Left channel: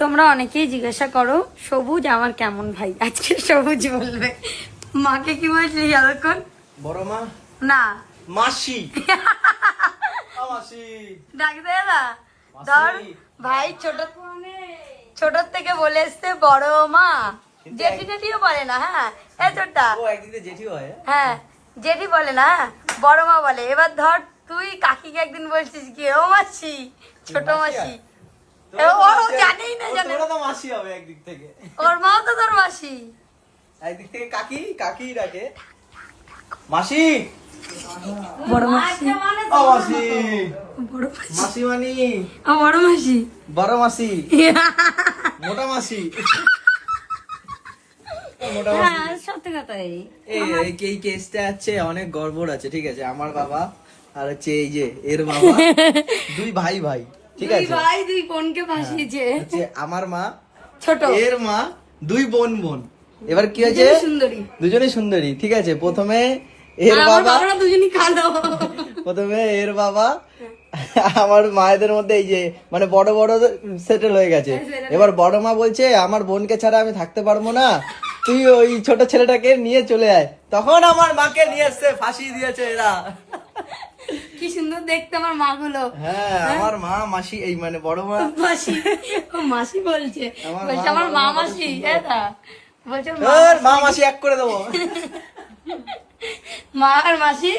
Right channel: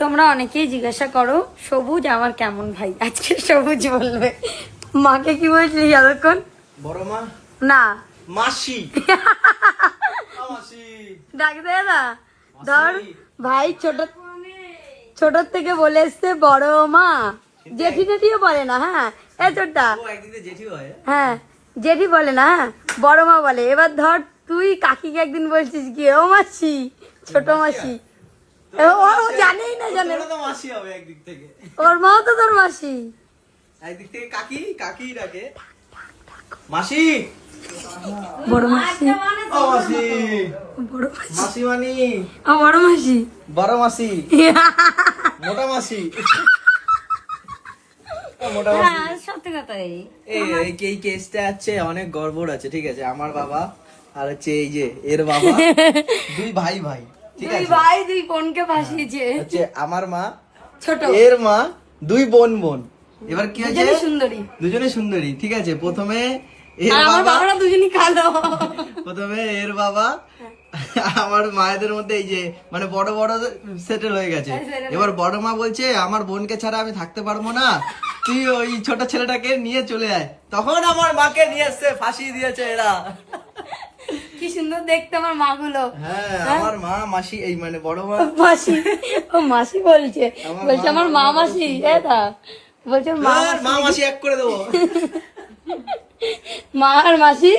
তোমরা অনেকেই জিজ্ঞাসা করো সবুজ আমার কেমন ভাই, আজকে সবুজ বলবে। মাকে কি বলছিলি এতক্ষণ? বড় মা না মাসি মাসি ডাক দে না। ধর ভাই ছোট থেকে বলে এসছে বড় মা, জেঠি জেঠিও বলে না। হ্যাঁ এতটা ও একদিকে জেঠি হয়। হ্যাঁ জেঠি বলে না, বড় মা বলে। এবার ধর তুই কাকিকে একদিন বলছিস কি ও মাসি, ছোট মাসি। ও জানেই না, জানে তোরা তো মাসি হবে একদিক থেকে, ওর মাও তো তোর মাসি। একদিক থেকে কাকি কাকি ডাকে মাসি। বড় মাসি ও মাসি বড় মাসি মাসি মানি ও বড় মাসি বড় মাসি মোটা মাসি মোটা মাসি। হ্যাঁ সত্যি কথাই। এই কেসটা আছে অনেক গড়বড় আছে, ঠিক আছে। আমার বাবা আর হচ্ছে এই যে এর বাবা, দুই ভাই ভাই, ঠিক দুই আছে। ভাই দুই বোনকে ভাসিয়েছে। হচ্ছে আমার মা ছোট এর মা, দুই বোন বোন। এবার কি হয়েছে, দুজনেই সুন্দরী। দুজনেই সুন্দরী, ঠিক আছে। প্রথমে এর আর আমার বাবা, বাবারা দুজনই কালো। প্রথমে এর বাবা আমার মায়েদের মধ্যে এই যে মানে বড় বড় সেটেল হয়ে গেছে। এবার বড় মা বলছে আমার বোনকে ছাড়া আমি থাকতে পারবো না, তুই ওই ছোট ছেলেটাকে নিয়ে চলে আয়। তখন আমার মাকে নিয়ে এসছে, ফাঁসি দিয়েছে এরা। কি সুন্দর দেখতে আমার মাগুলো। হ্যাঁ আমার মা মাসি, এই মানে বড় মা মাসি, ও মাসি বলছে, আমার বলছে মা, আমার মা আমার মা মাসি। খুব সুন্দর। এটা বলছে মা মাসি এক করে দেবো। মা আর মাসি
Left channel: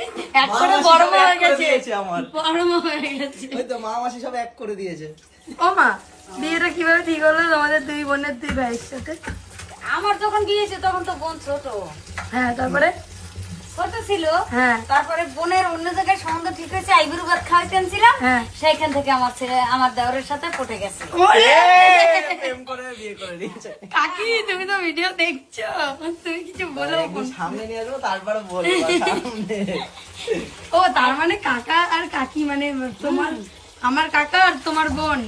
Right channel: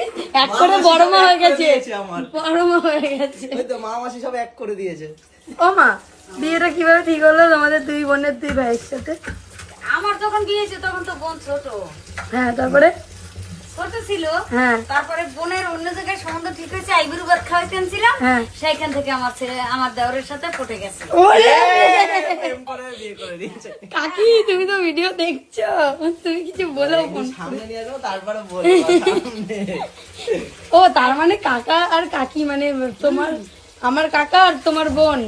এক মা করে মাসি বড় সব মা এক হয়ে করে গেছে, দিয়েছে আমার। বড় মা হয়ে গেছে। ওই তো মা মাসি সব এক করে দিয়েছে। ও মা বিয়েটা কিভাবে ঠিক হলো তোমাদের দুই বোনের দুই ভাইয়ের সাথে? আমার যখন বিয়েছে তখন তো বোন ছোট হ্যাঁ তারপরে ছোট ছিল। হ্যাঁ তারপরে বোনের অন্য জায়গায় সম্বন্ধ ঠিক হয়েছে, আইবুড়ো ভাত খাওয়াইতে ছিলাম, হ্যাঁ। সেইখান থেকে আমার ছেলে আমার দেওরের সাথে পটে গেছে। প্রেম করে বিয়ে করে দিয়েছে। কাকি তুমি তো ভিডিও দেখছো, তুমি কিছু বলো। একটু সামনে নিয়ে যাবো তারপরে বলবো সামনে। ও তার মানে কাকা আর কাকি মানে তোমার, আমার কাকা আর তোমার বোন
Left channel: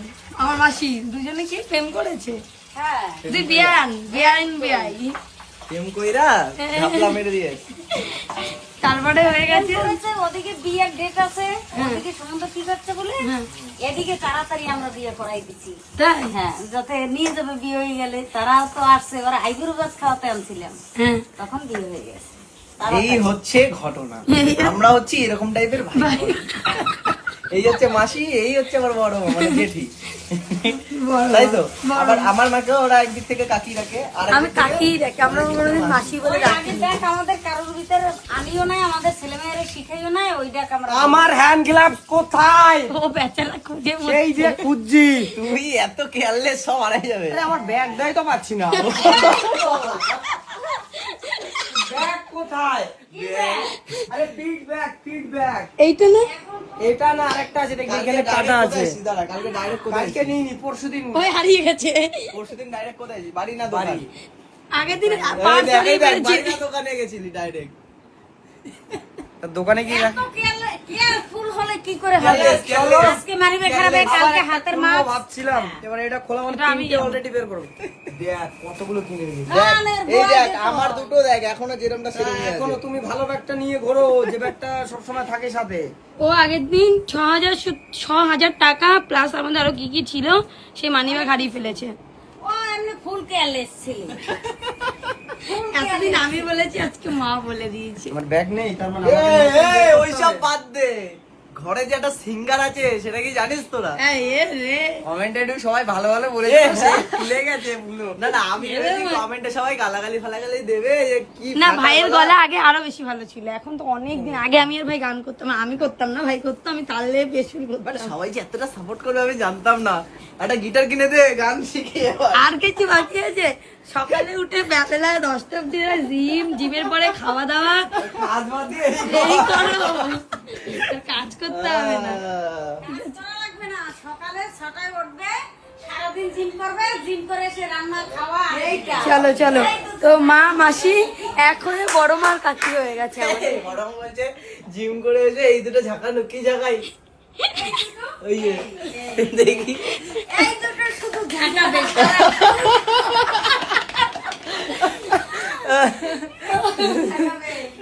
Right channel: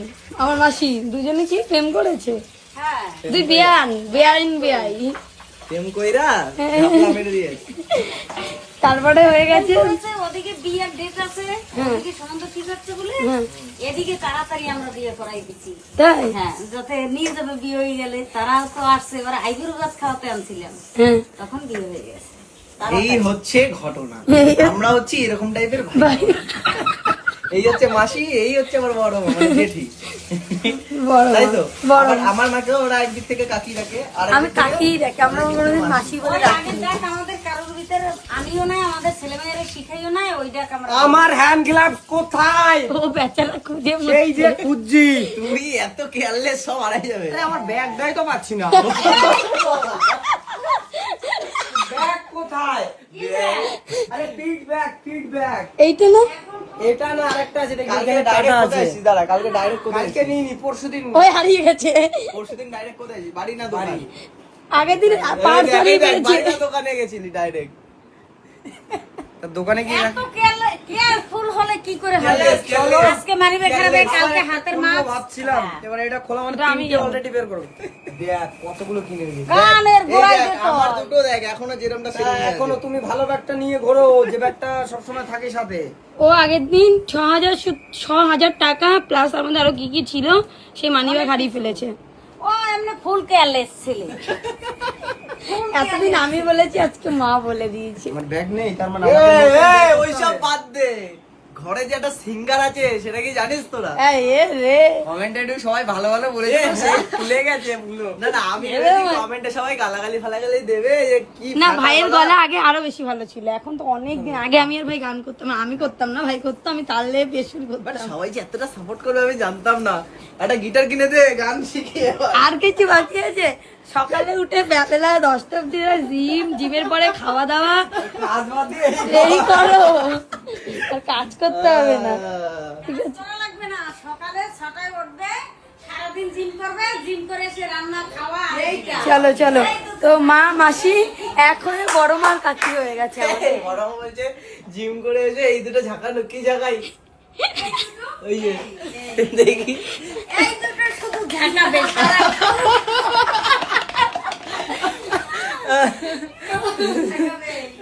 আমার মাসি দুজনে কি প্রেম করেছে? হ্যাঁ দুই বেআইন বেআই। প্রেম কইরা ঝাপলা মেরে দিয়েছে। তারপরে হয়ে গেছে করেছে, ওদিকে বিয়ের ডেট আছে, ওদিকে সম্বন্ধ ঠিক হচ্ছে বলে হ্যাঁ। এদিকে তাড়াতাড়ি আমরা বিয়ে করাই দিচ্ছি। তাই হ্যাঁ যাতে নিয়ে যাবে বিয়ে হয়ে গেলে, তারা তো আসছে, ওরা আইবুড়ো ভাত খাওয়াতে আনছিলাম, হ্যাঁ তখন বিয়ে হয়ে গেছে। এই হচ্ছে ঘটনা, আমরা হচ্ছি এরকম টাইপের ভাই। এই হচ্ছে মাসি, এই হচ্ছে আমার বড় মা মানে জেঠি, তাই তো। আবার আমার মাকে ওরা একদিক থেকে কাকি রাখে, আর আমি কাকি দেখে, আমরা কোনোদিন মাসি বলে ওই ডাকি। আগের ডাক আমাদের কারোর ভিতরে আনিও নাই, আমাদের ছেলে মেয়েরা শিখাইও নাই, ওই ডাক আমরা আমার হ্যান্ড গ্লাভস কোথায়? ও বেচারা খুঁজে এই যে খুঁজছি, তুমি এত কেয়ারলেস, সব হারাই যাবে। আরে আমার ব্যাগটাই তো পাচ্ছি না। ব্যাগ কোথায়? আরে পিট ব্যাগ। এইটা না, এটা না আরেকটা আছে, দেখি কালকে এখানে কাটা direct আছে। কোথায় এসেছি? দাঁড়া, কালকে ডাইরেক্ট কোথায় কালকে এসেছি? নিইনি, পরশুদিন। ওই হারিয়ে গেছে। পরশুদিন ডাইরেক্ট কোথায় এসেছি? বাড়ি না দোকান? বাড়ি। আগের দিন এই পার্স দেখ, হারিয়ে এই দেখ, ফেলেছে। বাড়ি না দোকানে গেছিলি ডাইরেক্ট। তার দোকানে কি এত কেয়ারফুল হলে কি করে হবে? আজকে মারিবে খারাপে, কালকে হাতের মাছ। ভাবছিলাম এবার এটা খোলা মানে তিনটে অলরেডি বের করব। দেখ কতগুলো কিনে নিয়েছি। কানের এই গোড়ায় দেখ দুটো। আমার দুটো দেখ, এখনো যেরকমটা সেরকমই আছে। এখনো তুমি ভালো ব্যাগটা নিয়ে ঘোরো, যে ব্যাগটা সবসময় থাকে সাথে। ও আগের দিন 6,000 টাকা প্লাস আমাদের আরো কি কি ছিল সেই মানি ব্যাগ হারিয়ে ফেলেছে। ও এমনি ফুল কেয়ারলেস ছিল। এতদিন আমি বলেছি, আজকে মা বলে দিয়েছে। আমার ব্যাগ নেই, তার মানে ওইসব বাদ দে, ঘরে যে একটা সিঙ্গার আছে সেটা কি জানিস তোরা? এই এ রে, কমেন্টে সবাই ভালো ভালো বলেছে, সে খুলে গেছে পুরো। না না, আমি ভেবেছি কমেন্টে সবাই গালাগালি ফালাগালি দেবে, যে কি না ফাটা ভাইয়ের গলা। গলা আগে আরো বেশি ভালো ছিল, এখন তো অনেক দিন আগে আমি আর ভাই গান করতাম, আমি করতাম না, ভাই করতো, আমি তাহলে বেশ শুরু But করতাম। সবাই যে এতটা সাপোর্ট করবে আমি জানতাম না। একটা গিটার কিনে দে, গান শিখি এবার। আর কিছু বাকি আছে? সকালে উঠে বেলা 10টা অব্দি জিমের পরে খাওয়া দাওয়া কাজ বাদ দিয়ে এই করো, আর কাজ করতে হবে না। করা লাগবে না, সকালে 6টায় উঠবে, সারাদিন জিম করবে, জিম করে এসে রান্না খাওয়া এইটা। চলো চলো, তো মা মাসি এক হয়ে বড় মার কাকি হয়ে গেছে আমাদের। গরম বলছে জিম করে এসে এই দুটো ঝাঁকানো, কি ঝাঁকাই ওই যে দেখি এই দুটো শুধু ঝাঁকাবে।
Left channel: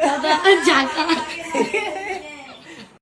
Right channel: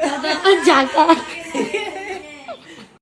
দাদা জাগা